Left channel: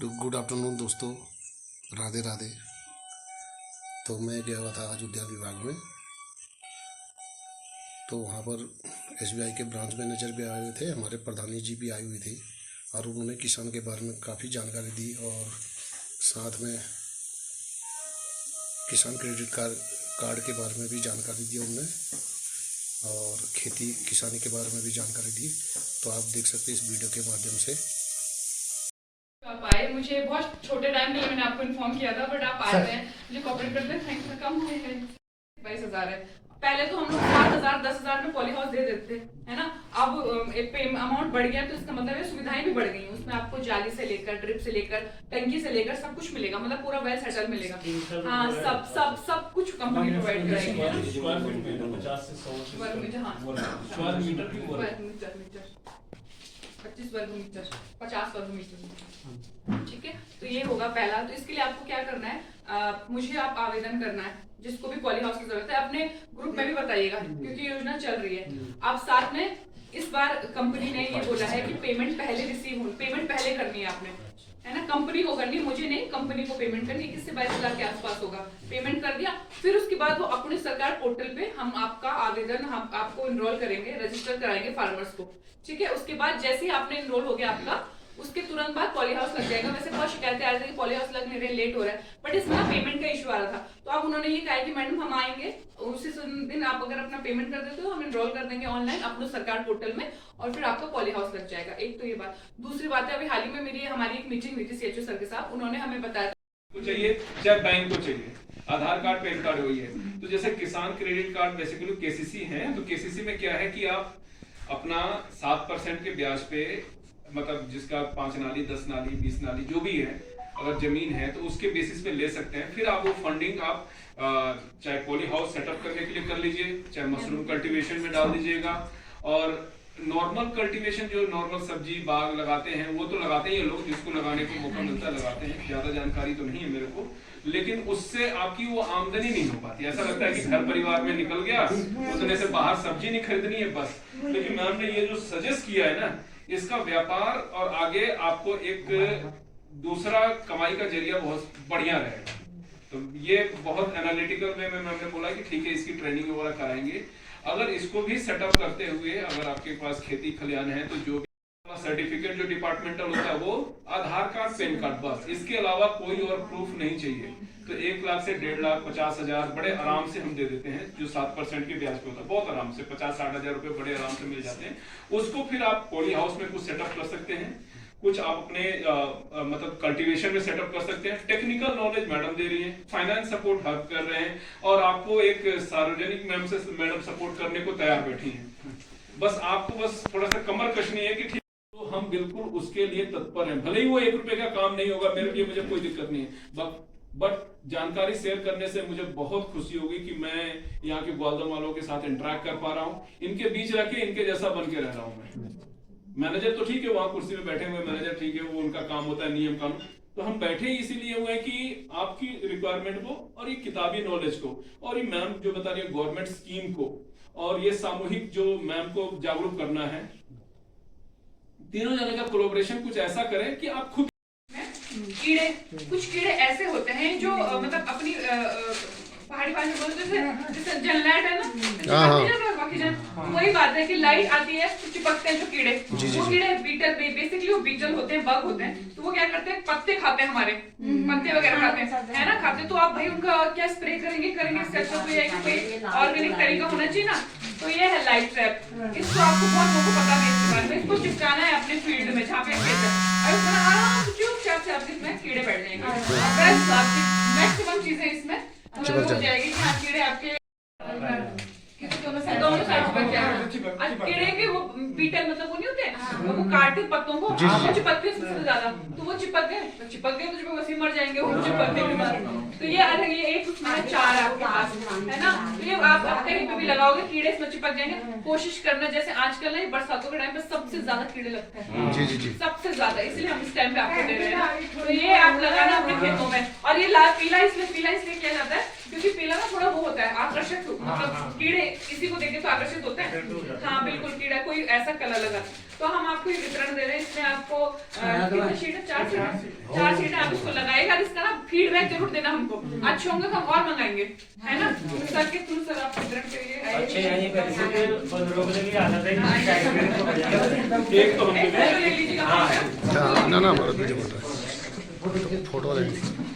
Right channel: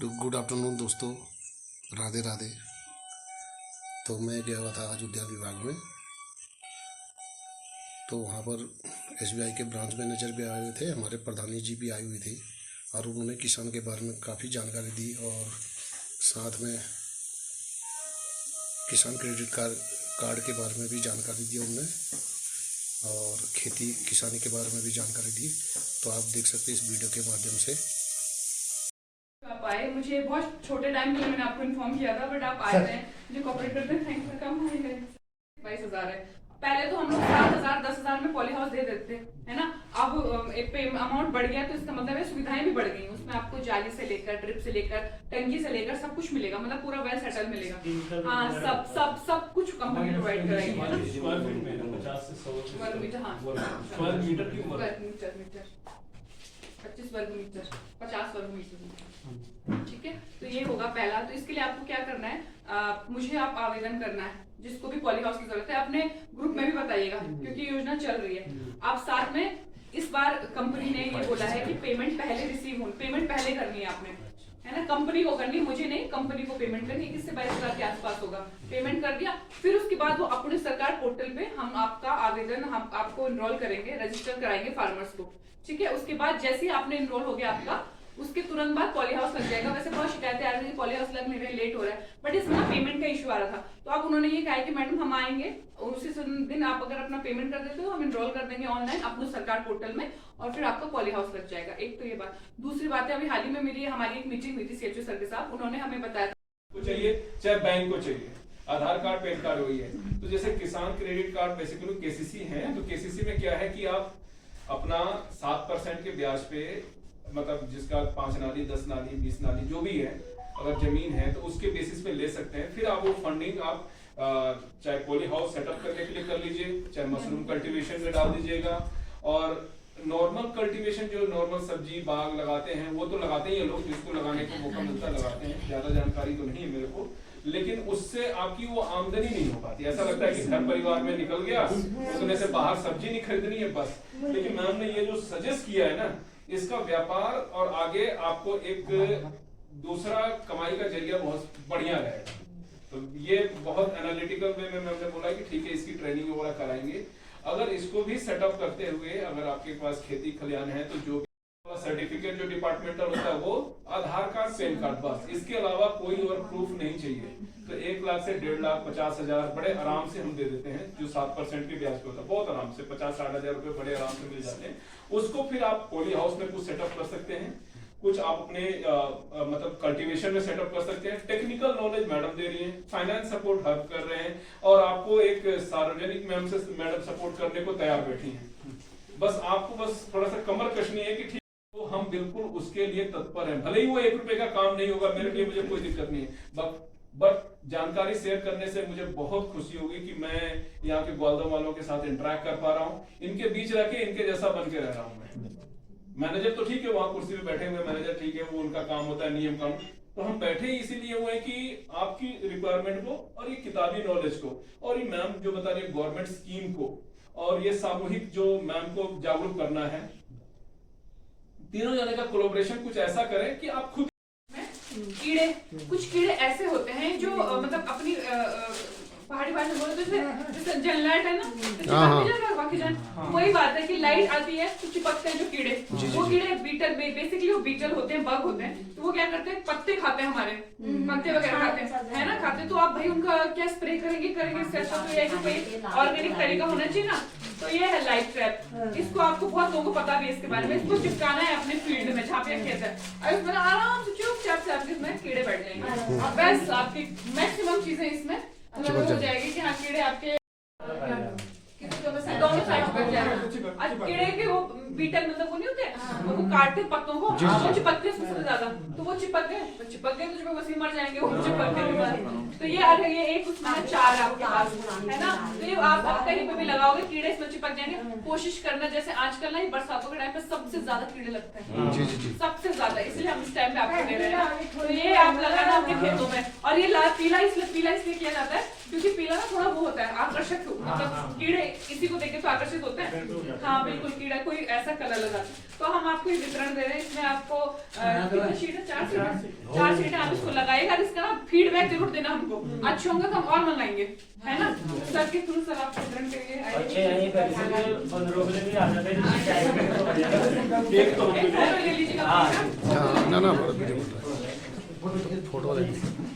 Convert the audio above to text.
Good afternoon दोस्तों, राधे राधे। तो मैं गया हुआ था आज उद्यान विभाग में। तो वहाँ पर एसबीआई के ब्रांच मैनेजर भी आए हुए थे, हमारे प्रधानी जी भी आई हुई थी और उन्होंने किसान के बारे में काफ़ी जानकारी दी और साथ में किसान क्रेडिट कार्ड के बारे में भी जानकारी दी उन्होंने और खेती किसानी के बारे में भी जानकारी दी। तो आप देख सकते हैं इस वीडियो के माध्यम से। आप आए, मुझे बहुत छोटे टाइम के लिए मैंने आपको इन्फॉर्म किया था, बट आप आए हैं, मुझे कॉपरेट करते हैं। थैंक्स फॉर कम। 22,000 है। पहले तो हम लोग 7,000 10,000 में पॉली हाउस दे देते है ना। अब अमाउंट बढ़ गया तो इसका मतलब है सुविधाएं भी बढ़ गई। उसमें आपको जाली से लेकर ड्रिप से लेकर टंकी से लेकर सब कुछ मिलेगा, मतलब पूरा वेल सेटल मिलेगा। हाँ, सब सब सब कुछ कंपनी प्रोवाइड कराएगी। 25 वर्ग मीटर 50 वर्ग मीटर। ठीक है, तो ये होगा पहला। तो इसके लिए आपको क्या करना है, मुझे आप आवेदन करना है। जिसको भी पॉली हाउस की जरूरत है अपने ग्रुप में भी बताइएगा, क्योंकि योजना चल रही है। आप साथ में इस बार कंपनी ने ये बोला है कि पेमेंट पहले करनी है आपने, है ना। कंपनी को करनी, मुझे नहीं, कंपनी को पेमेंट करनी। 21 से 22,000 के आसपास होगा। पेमेंट कर दिया, फिर उसके बाद वो अपने सरकार पोर्टल पे हम आपका आवेदन हम आपको इनरोल करेंगे, रजिस्टर कराएंगे फार्मर्स को। ठीक है, उसके बाद जैसे ही आपने इनरोल हो गया आपका, उसके तुरंत बाद पॉली हाउस लग जाएगा। वैसे बहुत शिकायतें आ रही थी पॉली हाउस लग नहीं रहे, लेट हो रहा है, बट इसमें ना पेमेंट का इशू आ रहा था। तो अब उन्होंने ये कहा है कि मैडम हम आएंगे, उसी दिन आप अगर अपना पेमेंट कर देते हो हम इनरोल कर देंगे ऑनलाइन अपने सरकार पोर्टल में, और फिर आपका पॉली हाउस लग जाएगा। एक तो ये बात। दूसरी बात है, अभी हाल ही में हमारी एक मीटिंग हुई थी सीएचओ सर के साथ। उन्होंने हमें बताया को चाहिए चाहे बैंक को चाहिए, आधार कार्ड पैन कार्ड वही है। तो जैसे किसान क्रेडिट कार्ड बेसिकली केसीसी है, तो केसीसी में क्या है कि आप अपना 7% के ब्याज पे, मतलब जिसका 5 नाली 10 नाली 20 नाली जो भी है, अगर जमीन है तो उसके बेसिस पे ले सकते हैं। फिर आप वो फंडिंग आप चाहे पॉली हाउस सेटअप करने के लिए कर लीजिए, चाहे मशरूम कल्टीवेशन में डाल दीजिएगा। और नॉर्मल कल्टीवेशन जो नॉर्मल सब्जी बाग लगाते हैं वो तो लगाते ही हैं लोग, जिसको लगाने को मौका मिलता है लगाते हैं। ज्यादा जानकारी तो नहीं है मेरे को, लेकिन उससे आपकी वो आमदनी नहीं हो पाती। ऐसा लगता है कि घर परिवार में निकल गया, उतने से बाहर सब्जी नहीं खरीदनी है बस। लेकिन मैम ने ये जो सजेस्ट किया है ना, इसका व्यापार और आगे आपको एक दूसरा कमाई का जरिया बहुत बढ़िया रहेगा। तो ये बहुत एनालिटिकल वे में मैंने बोला कि ठीक है, इसकी ट्रेनिंग वगैरह कराएंगे। अगर इसको भी सेटअप करते हुए अगर आपके पास खेती खलियान है, तो जो सर्टिफिकेट जो डिपार्टमेंटल होता है वो आधार कार्ड पैन कार्ड, बस इसके अलावा कोई और प्रूफ नहीं चाहिए। तो 1 लाख से 1.5 लाख 50,000 बड़े आराम से हम दे देते हैं, जो 7% के ब्याज पे होता है। बहुत आराम से 50-60 हजार रुपए बड़े आराम से मिल जाते हैं। उसको फिर आप पॉली हाउस में कुछ सेटअप कर सकते हैं, कुछ आप अपने मतलब कल्टीवेशन में सेटअप कर सकते हैं। टेक्निकल नॉलेज मैडम दे रही हैं, फाइनेंस सपोर्ट हेल्प कर रहे हैं, और आपको एक सार्वजनिक मैडम सपोर्ट करने को तैयार बैठी हैं। बस आपको बस थोड़ा सा कमर कसनी है कि ठीक, तो हम बिल्कुल उसके लिए तत्पर हैं। भले ही वो 1 रुपए का काम नहीं होगा मेरे लिए, मुझे कोई दिक्कत नहीं है, बट जानकारी शेयर करने से मुझे बहुत खुशी होगी कि मैं यहाँ के ग्वालदम वालों के साथ इंटरेक्ट कर पा रहा हूँ, इनके बीच रह के इनके जैसा बन के रह रहा हूँ मैं। मैनेजर तो ठीक है, वहां कुर्सी पे बैठे हुए मैनेजर ठीक है, वो उनका काम होता है नियम कानून। तो हम बैठे ही इसीलिए हुए कि आपकी रिक्वायरमेंट को और ये किताबी नॉलेज को और ये मैम जो बता रही है गवर्नमेंट स्कीम को, और ये सामूहिक जो मैम को जागरूक करना है, तीनों जने का कोलैबोरेशन कुछ ऐसा करें कि आप खुद कुछ कीड़े ऐसे होते हैं जो मतलब अपनी पहाड़ी भाषा में बोलते हैं जैसे जनलाइट है ना, वही बात है कि लाइट आती है तो चिपकते हैं जो कीड़े। वो कीड़े बीटल, बेसिकली वो बीटल होते हैं, बग होते हैं। तो वो क्या करते हैं, पत्ते खाते हैं, हमारे पत्ते वगैरह खाते हैं, है ना, खाते। तो आप भाई उनका क्या स्प्रे करेंगे ऑर्गेनिक तरीका होना चाहिए ना। तो ये है लाइट ट्रैप। इसको आपको बहुत लोगों को पता नहीं इसके बारे में। इसको चिपकाना है अपने फील्ड में जहाँ पे खेत है, और आराम से चुपचाप से इसमें कीड़े बैठ जाएंगे। बस आपकी मैक्सिमम चीजें इसमें हो जाएगी कि हाँ कीड़े आपके दोनों साइड पर क्या है। कीड़े के वो बीटल मतलब वो नहीं होते, वो काटते पत्तों को, वो चिपकते हैं सबसे ज्यादा। तो वो चिपक गए तो वैसे मर जाएंगे वो चिपकने के बाद। तो ये एक उसमें 4 आपके पास है ना। ये आप कहीं पे भी लगाओगे कीड़े इसमें चिपक जाएंगे। कोशिश करना, जैसे आजकल ना बरसातों के टाइम पे सबसे ज्यादा कीड़े लगते हैं, जी सबसे ज्यादा, इसलिए हम इस टाइम पे आपको दे रहे हैं। तो ये आप लगाना अपने खेतों में। और ये पीला इसलिए किया जाता है क्योंकि पीला ना थोड़ा वो होता है आकर्षक, मतलब कीड़े किसी को देखे तो आकर्षित होते हैं। हाँ बिल्कुल, कीड़ा कोई ऐसा कलर लगा। तो हम आपको ये वितरण दे रहे हैं, इसमें आपको कितने शीट है? 4 शीट आप इसको लगाएगा। इसका ना फीडबैक जरूर देना हमको, अच्छे होंगे तो हम और मंगाएंगे, है ना। सर के थ्रू सर आप वितरण के लिए अच्छे हैं, ये बंदरों के लिए आदत है एक तो एक फोटो ले लीजिएगा। हाँ ना हमारा वीडियो बन रहा है, फोटो ले लीजिए।